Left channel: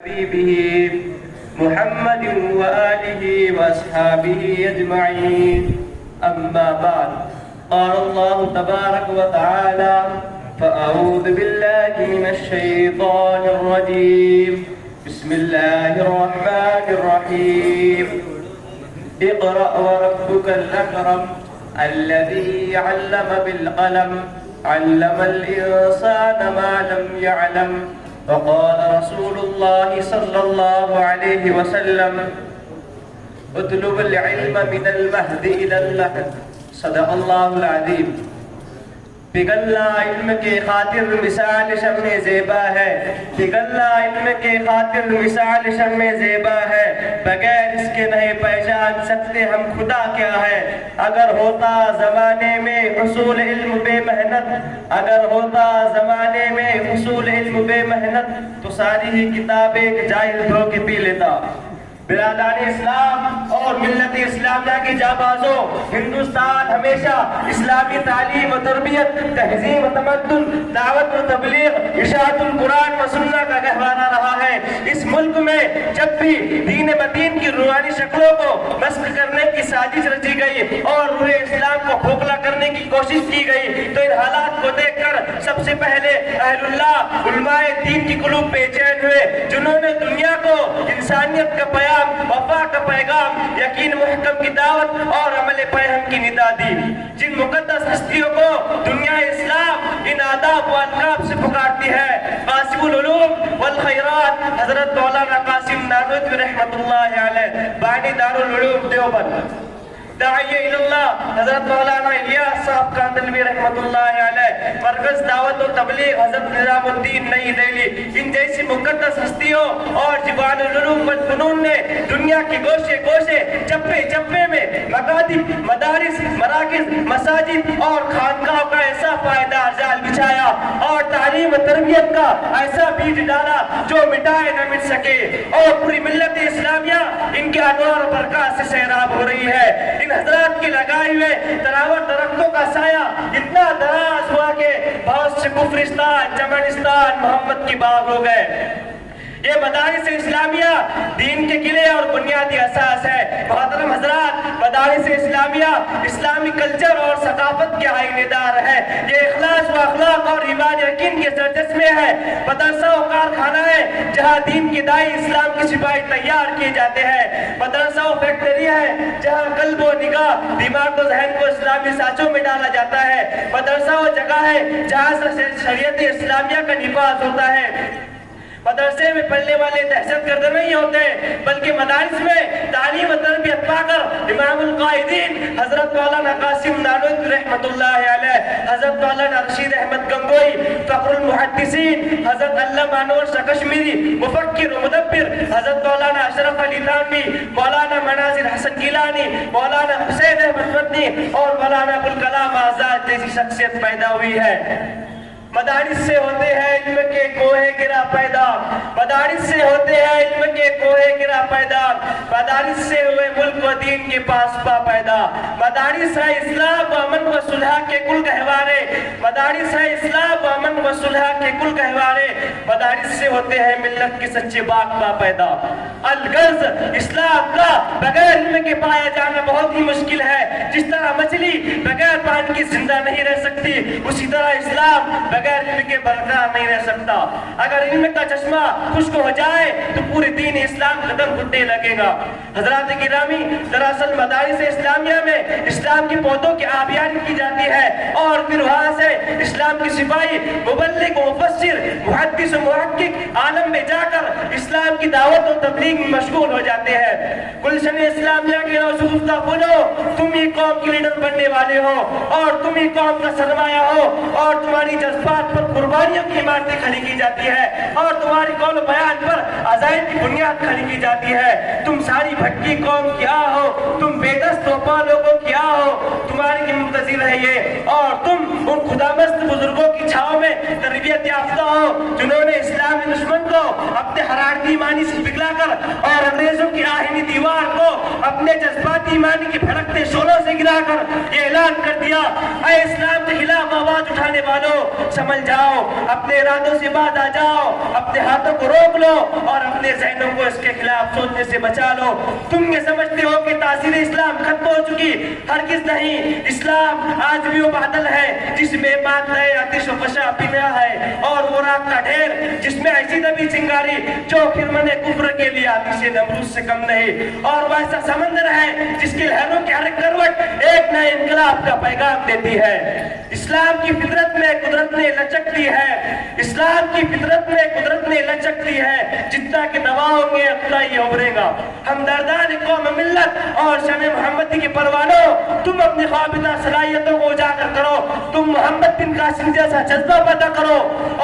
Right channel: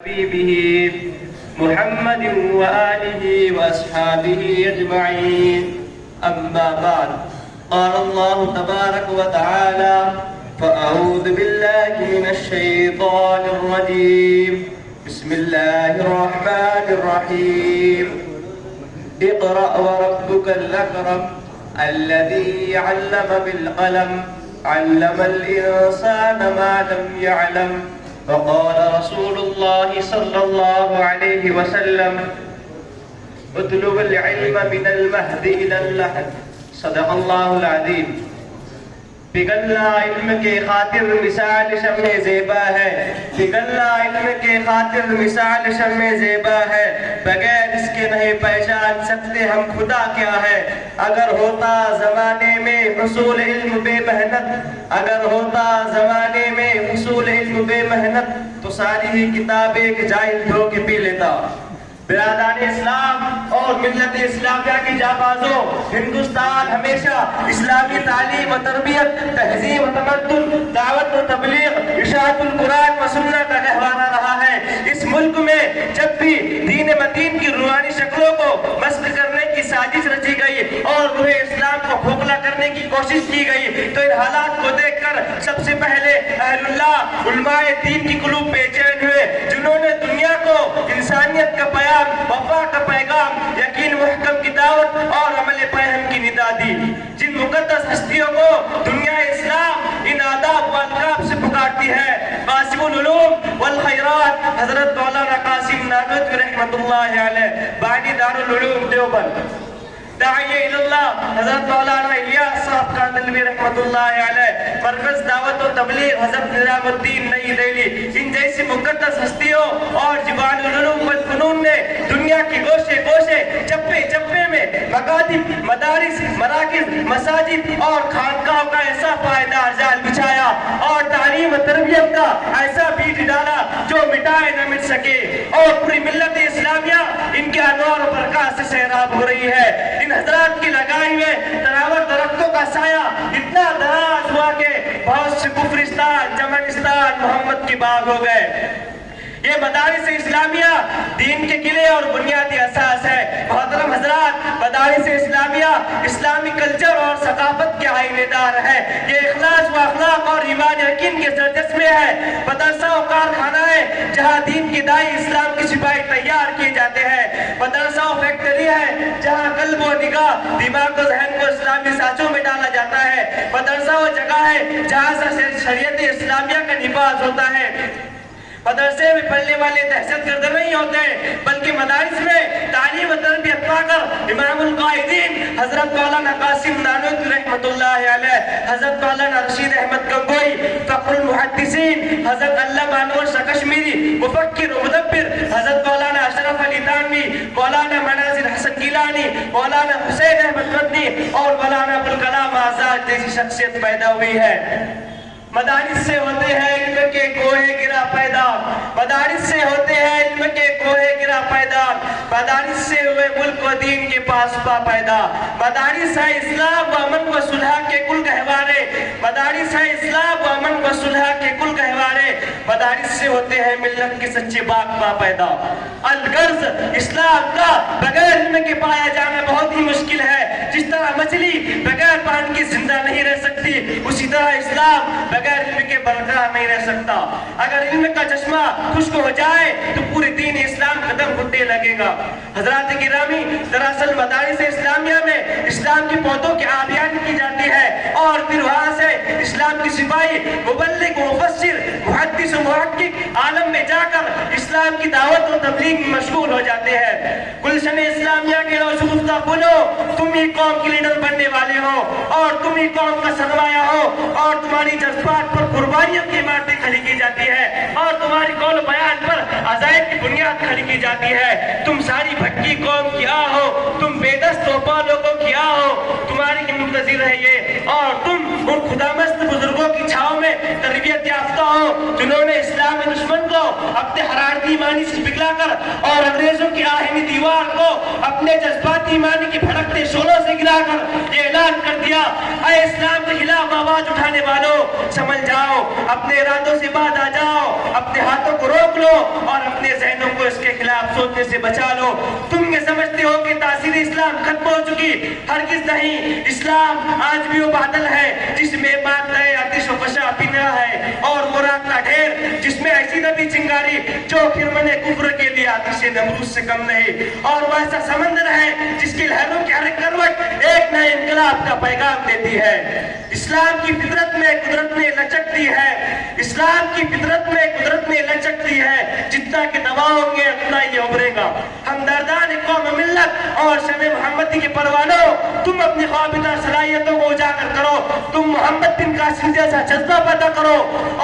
حبيبه محمد وآله وأصحابه أجمعين أما بعد قال الله تبارك وتعالى فأعوذ بالله من الشيطان الرجيم بسم الله الرحمن الرحيم اقرأ وربك الأكرم الذي علم بالقلم علم الإنسان ما لم يعلم وقال رسول الله صلى الله عليه وسلم اطلب العلم من المهد إلى اللحد صدق الله العظيم پگھلنا علم کے خاطر مثال شمع زیبا ہے پگھلنا علم کے خاطر مثال شمع زیبا ہے بغیر اس کے نہیں پہچان سکتے ہم خدا کیا ہے اگر ہوتا زمانے میں حصول علم بے محنت اگر ہوتا زمانے میں حصول علم بے محنت تو ساری ہی کتابیں ایک جاہل دھو کے پی لیتا برادران اسلام اور ملت اسلامیہ کے جانبازوں ہندوستان ہمیشہ اسلامی تعلیم و تربیت تہذیب و تمدن دعوت و تبلیغ اشاعت القرآن و سنت کا گہوارہ رہا ہے اس ملک میں جب بھی دین مدین کی روحانی شکلوں کو مسخ کرنے کی سازش رچی گئی اور روح اسلام کو کھوکھلا کرنے کی کوشش کی گئی تو ان حالات کو دیکھ کر سب سے پہلے اہل اللہ علماء دین کی قلوب بے چین ہوئے جنہوں نے دنیا کو انسانیت کا پیام وفا کا پیغام یقین محکم کی دعوت اور عمل پیغام کی ندا دی جن مقدس ہستیوں کو دنیا اسلام ان آداب و القاب سے پکارتی ہے قاسم العلوم والخیرات حضرت مولانا قاسم نانوتوی رحمۃ اللہ علیہ بانی دارالعلوم دیوبند داعی اللہ حضرت مولانا الیاس صاحب کاندلوی رحمۃ اللہ علیہ مرکز دعوت و تبلیغ حضرت نظام الدین نئی دہلی ان جیسی مقدس ہستیوں اور جبال العلوم والفنون نے دنیا کی گوشے گوشے چپے چپے میں مکاتب مدارس مراکز مساجد اور خانقاہوں کا ایسا پائیدار جال بچھایا اور تعلیم و تربیت کا ایسا بیج ڈالا جو مٹائے نہ مٹ سکے اور پوری ملت اسلامیہ ان کے انوار و برکات سے سیراب ہو رہی ہے حضرات کی لگائے ہوئے تناور درختوں کا سایہ اتنا دراز ہوا کہ بہت سے کفرستان چمنستان محمد کی باغ ہو گئے یہ مدارس اسلامیہ دین کے قلعے اور بنیادی اساس ہے محترم حضرات مدارس اسلامیہ اسلامی کلچر اور ثقافت کے آئینے دار ہے یہ اخلاص و اخلاق اور ایمان یقین کے سرچشمے ہے مدرسہ و کارخانہ ہے جہاں دین کے دائی اسلام کے سپاہی تیار کیے جاتے ہیں مدرسہ و فیکٹری ہے جہاں قلب و نگاہ دماغ و ذہن کو اسلامی سانچوں میں ڈالا جاتا ہے مدرسہ و جگہ ہے جہاں سے شریعت اسلامیہ کا نفاذ ہوتا ہے مدرسے میں پڑھنے والے دہشت گرد نہیں ہوتے بلکہ مدارس میں تعلیم و تربیت پا کر امام القائدین حضرت مولانا قاسم نانوتوی رحمۃ اللہ علیہ حضرت مولانا رشید احمد گنگوئی فخر المحدثین حضرت علامہ انور شاہ کشمیری مفکر و مدبر حضرت مولانا اشرف علی تھانوی مولانا مناظر حسن گیلانی مولانا حسین احمد مدنی اور مولانا ابوالکلام آزاد جیسی شخصیت پیدا ہوئی ہے مدارس سے ہوتے ہیں علم کے کوہ گرا پیدا مدارس سے ہوتے ہیں علم کے کوہ گرا پیدا مدارس سے ہوئے ملک و دین کے پاس پا پیدا مدارس ہے اسلام و امن و صلح کے کل گہوارے مدارس ہے اسلام و امن و صلح کے کل گہوارے مدارس سے ہوتے ہیں ملت کے سچے باغ با پیدا الغرض اسلام کا بغیر علم کے پایا جانا بہت ہی مشکل ہے جس طرح مچھلی بغیر پانی کے زندہ نہیں رہ سکتی اسی طرح اسلام بغیر علم کے برقرار نہیں رہ سکتا اگر علم کا چشمہ خشک ہو جائے تو پورے دین اسلام قدم گھٹنے لگے گا حضرات گرامی دراصل مدارس اسلامیہ میں اسلام کی پودوں کی آبیاری کی جاتی ہے اور پھر وہاں سے اسلام کی سپاہی مبلغ و مفسر محدث و محقق عالم میں جا کر اسلام کی دعوت و تبلیغ میں مشغول ہو جاتے ہیں گلشن اسلامیہ کے شگفتہ بولو تم ہی قوم کے لیڈر بننے والے ہو اور تم ہی قوم کا سرمایہ ہو اور تمہاری جذبات پر قربانیوں کی عمارتیں کھڑی کی جاتی ہے اور تمہاری قول بیان پر عزائم کی بنیاد کھڑی کی جاتی ہے تم ساری بھٹکی قوم کیا ہو تم بے دست و پا لوگوں کیا ہو تمہاری کی منتظر ہے یہ اور تم ان خدامست بزرگوں کی چھاؤں میں تربیت یافتہ ہو جنہوں نے اسلام دشمن کو اپنے حرارتی ایمانی سے پگھلا کر اور انگریزوں کی آہنی دیوار کو اپنے جذباتی ایمانی کی بھڑکتے شعلوں سے گرا کر اعلان کر دیا اے اسلام کے خلاف آواز اٹھانے والوں سمجھ جاؤ اپنے ارادوں سے بعد آ جاؤ اپنے ہاتھوں کو روک لو اور اپنے اپنے ذہنوں کو اس کے خلاف سوچنے سے بچا لو۔ تم یہ سمجھتے ہو کہ تاثیر اسلام ختم ہو چکی، ہرگز نہیں۔ اسلام آج بھی وہ بادل ہے جس میں مادہ آتش و فشاں پنہا ہے، اور وہ رات کا ڈھیر جس میں ایسی نبی چنگاری جو خرمن کفر کے لیے آتش نمرود سے کم نہیں، اور وہ ایسا سمندر ہے جس کی لہروں کی ہر ایک کروٹ ایک نئے انقلاب کا پیغام دیتی ہے۔ اسلام کی فطرت میں قدرت نے لچک دی ہے، اسلام کی فطرت میں قدرت نے لچک دی ہے، جتنا کہ دباؤ گے اتنا یہ ابھرے گا۔ ہمدردان قوم ملت اور شان محمدی کے پروانوں، تم اپنی خوابیدہ صلاحیتوں کو اجاگر کرو، تم محمد بن قاسم جیسا جذبہ پیدا کرو،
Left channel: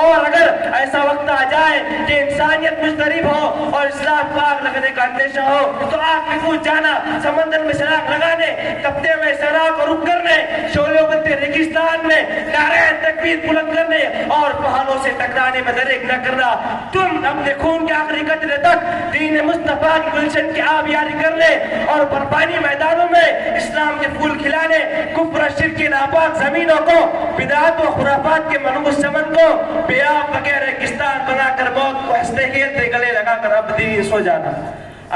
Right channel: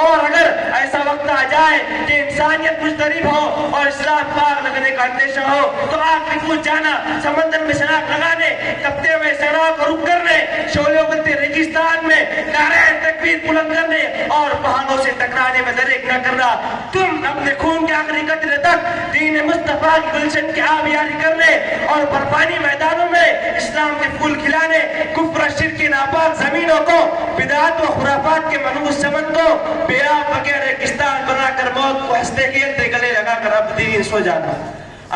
اور اگر ایسا وقت آ جائے کہ انسانیت مضطرب ہو اور اسلام کو آگ لگنے کا اندیشہ ہو تو آگ میں کود جانا، سمندر میں شراک لگانے، تپتے ہوئے سیلاب کو رک کرنے، شعلے بنتے ریگستان میں نعرہ تکبیر بلند کرنے اور پہاڑوں سے ٹکرانے میں درک نہ کرنا۔ تم اپنے خون کے آخری قطرے تک دین مصطفیٰ کی گلشن کی آبیاری کرنے اور برفانی میدانوں میں اسلام کے پھول کھلانے، کفر شرک کی ناپاک زمینوں کو بدعات و خرافات کے منحوس چمن کو بے آب وغیرہ ریگستان بنا کر موت کو ہنستے کھیلتے گلے لگا کر اب دین سو جانا۔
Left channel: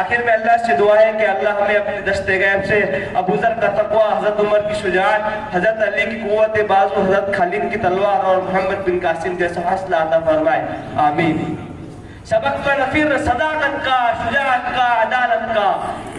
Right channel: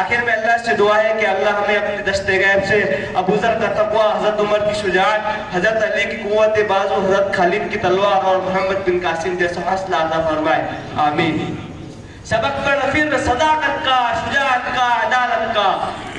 آخر میں اللہ سے دعا ہے کہ اللہ ہمیں اپنے دست غیب سے ابو ذر کا تقوی، حضرت عمر کی شجاعت، حضرت علی کی قوت بازو، حضرت خالد کی تلوار اور محمد بن قاسم جیسا حوصلہ عطا فرمائے، آمین۔ سبق پڑھ پھر صداقت کا، شجاعت کا، عدالت کا،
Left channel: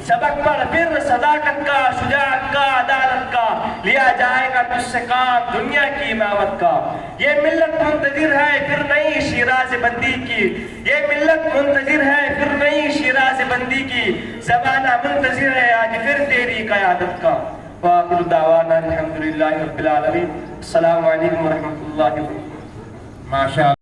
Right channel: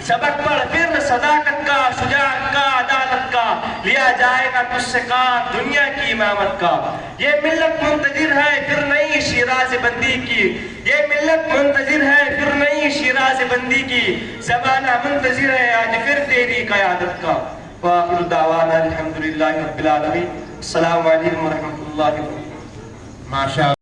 سبق پڑھ پھر صداقت کا، شجاعت کا، عدالت کا، لیا جائے گا تجھ سے کام دنیا کی امامت کا۔ یہ ملت منتظر ہے پھر نئی شیراز بندی کی، یہ ملت منتظر ہے پھر نئی شیراز بندی کی، زمانہ منتظر ہے آج پھر تیری قیادت کا۔ وآخر دعوانا الحمدللہ رب العالمین۔ السلام علیکم ورحمۃ اللہ وبرکاتہ۔ ماشاء